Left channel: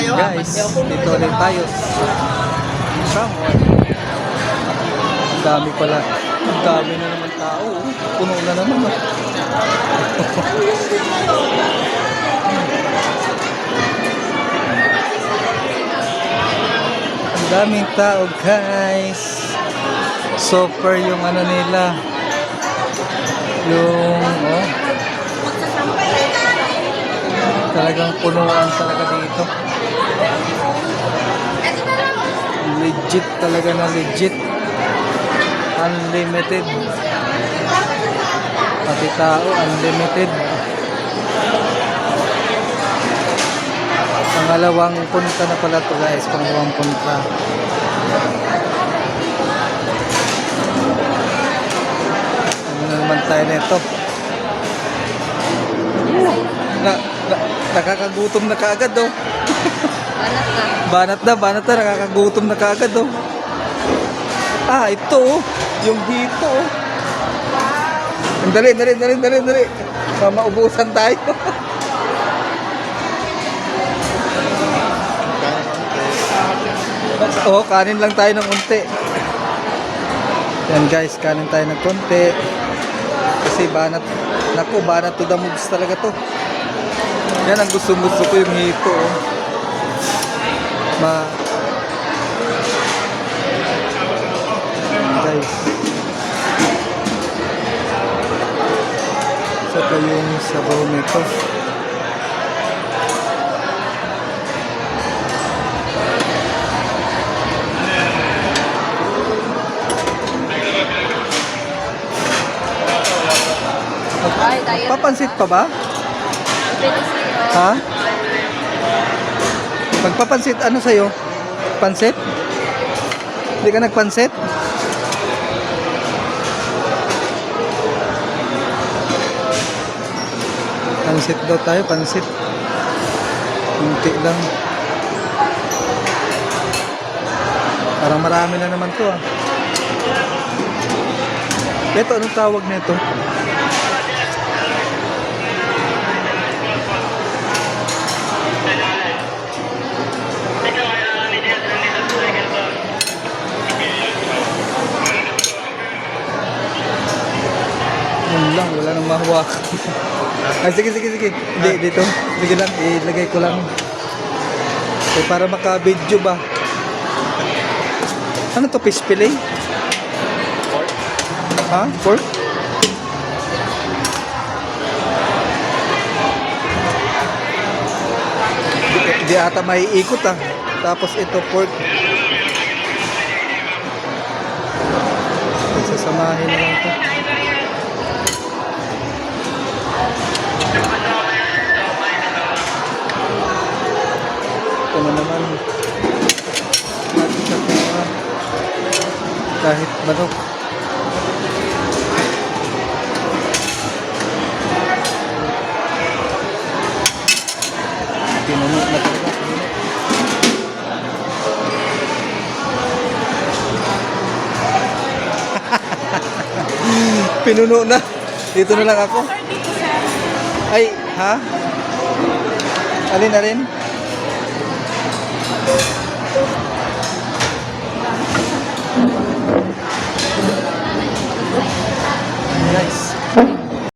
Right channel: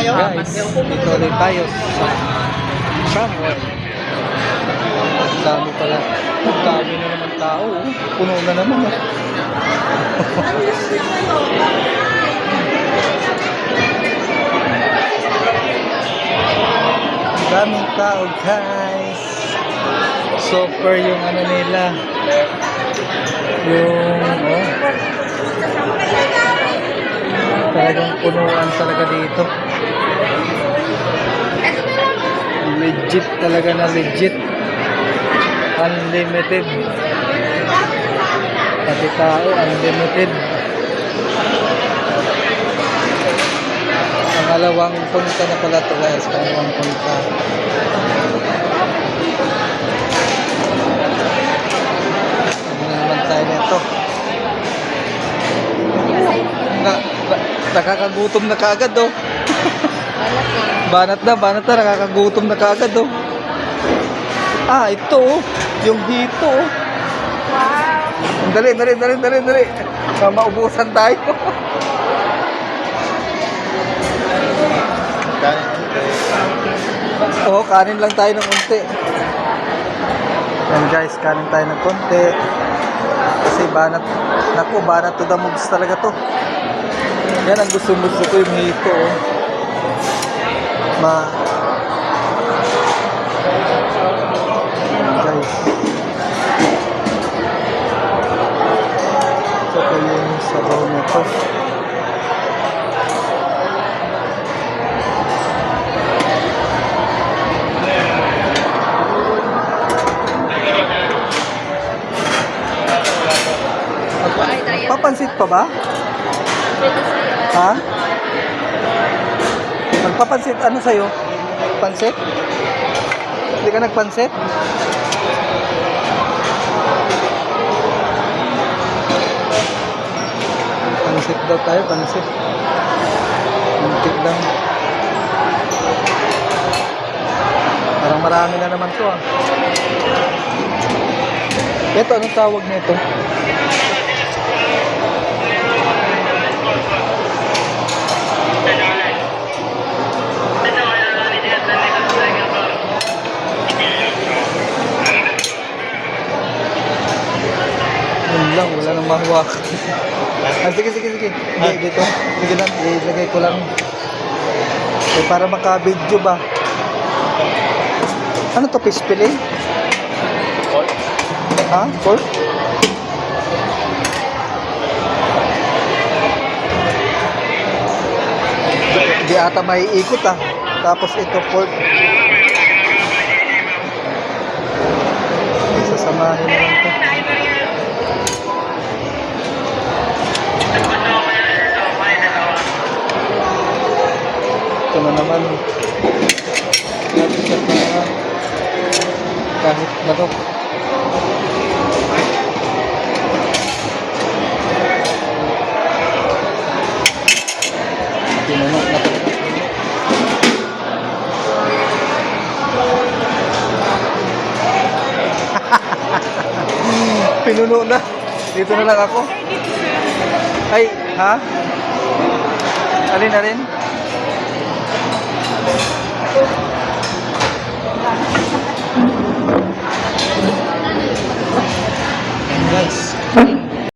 Guys, dito ulit tayo sa Samor. Ang dami pala. Ang dami na naman tao. Puno na naman. Ang daming tao, guys. Super yung ano nila. Yung talagang punuan talaga dito. Legit talaga na legit. Unlimited. Pati tao, unlimited. Pangalawang punta na pala ito, guys. Pangalawang punta. Ano na naman tayo nito? Nakakagutom na kaagad, oh. Banat na, nakakagutom na kaagad, oh. Ah, ito, oh. Yung hito, oh. Wow. Dali. Maubusan tayo. Oh, kanin lang tayo ng unti. Yan, guys, kanin tayo ng konti. Kasi banat, naku, banat to the moves talaga to. Yan ang gusto ko yung hito, oh. Guys. Saka yung sabaw nito. Papansit pa ba? Ha? Magpapansit, ano sa'yo? Pansit? Hindi ka nagpansit? Pansit daw tayo, pansit. Muntik lang. Parang marami na naman to, ah. Ito, anong tawag nito? Wala nang mahuwa. Ah, sige. Hindi, dito. Sige lang, ilagay ko lang. So, para maka-video ba? Ano to, fish fillet? Ha? Pork? Di ata may ikot, ah. Tapos ito, pork. Sasamahin na lang ito. Ito na naman. Kahit bakit. Pinuno na talaga. Pinuno na. Dito na lang ako. Ay, ha? Alin? Guys.